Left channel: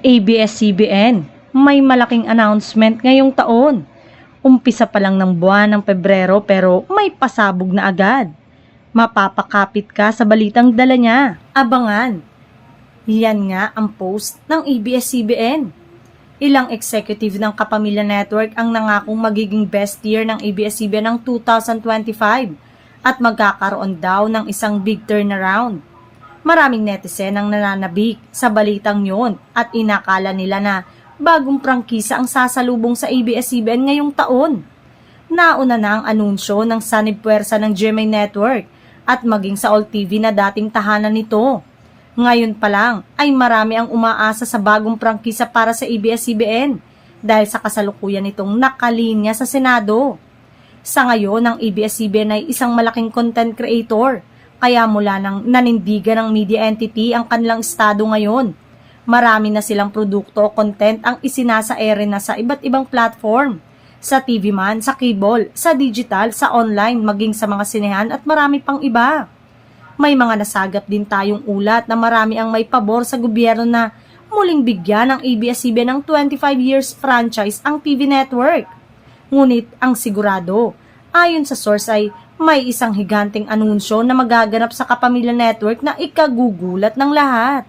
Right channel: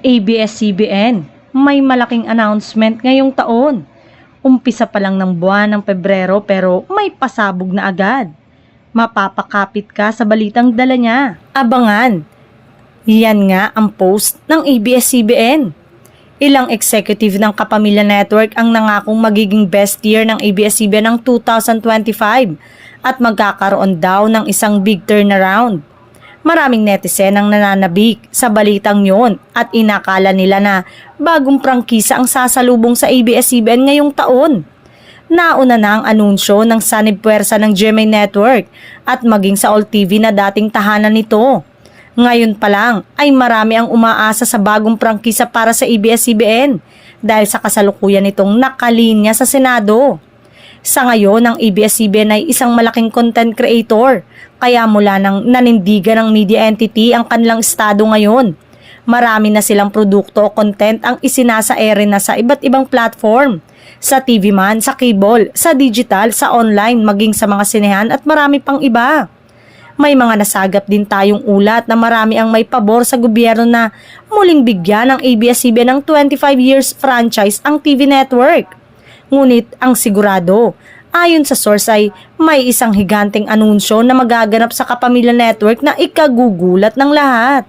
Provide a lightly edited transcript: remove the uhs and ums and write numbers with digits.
ABS-CBN, may malaking announcement ngayong taon. Umpisa pa lang ng buwan ng Pebrero pero may pasabog na agad. Mapapakapit ka sa balitang dala niya. Abangan. Yan nga ang post ng ABS-CBN. Ilang executive ng Kapamilya Network ang nangakong magiging best year ng ABS-CBN ng 2025 at magkakaroon daw ng isang big turnaround. Maraming netizen ang nananabik sa balitang yon at inakala nila na bagong prangkisa ang sasalubong sa ABS-CBN ngayong taon. Nauna na ang anunsyo ng sanib puwersa ng GMA Network at maging sa All TV na dating tahanan nito. Ngayon pa lang ay marami ang umaasa sa bagong prangkisa para sa ABS-CBN dahil sa kasalukuyan nitong nakalinya sa Senado. Sa ngayon, ang ABS-CBN ay isang malaking content creator, kaya mula nang nanindigan ng media entity ang kanilang estado ngayon. Marami na silang produkto o content ang isinasa-ere na sa iba't ibang platform. Sa TV man, sa cable, sa digital, sa online, maging sa mga sinehan at marami pang iba. May mga nasagap din tayong ulat na marami ang may pabor sa gobyerno na muling bigyan ng ABS-CBN ng 25 years franchise ang TV network. Ngunit ang sigurado, ayon sa source ay may isang higanteng anunsyo na magaganap sa Kapamilya Network na ikagugulat ng lahat.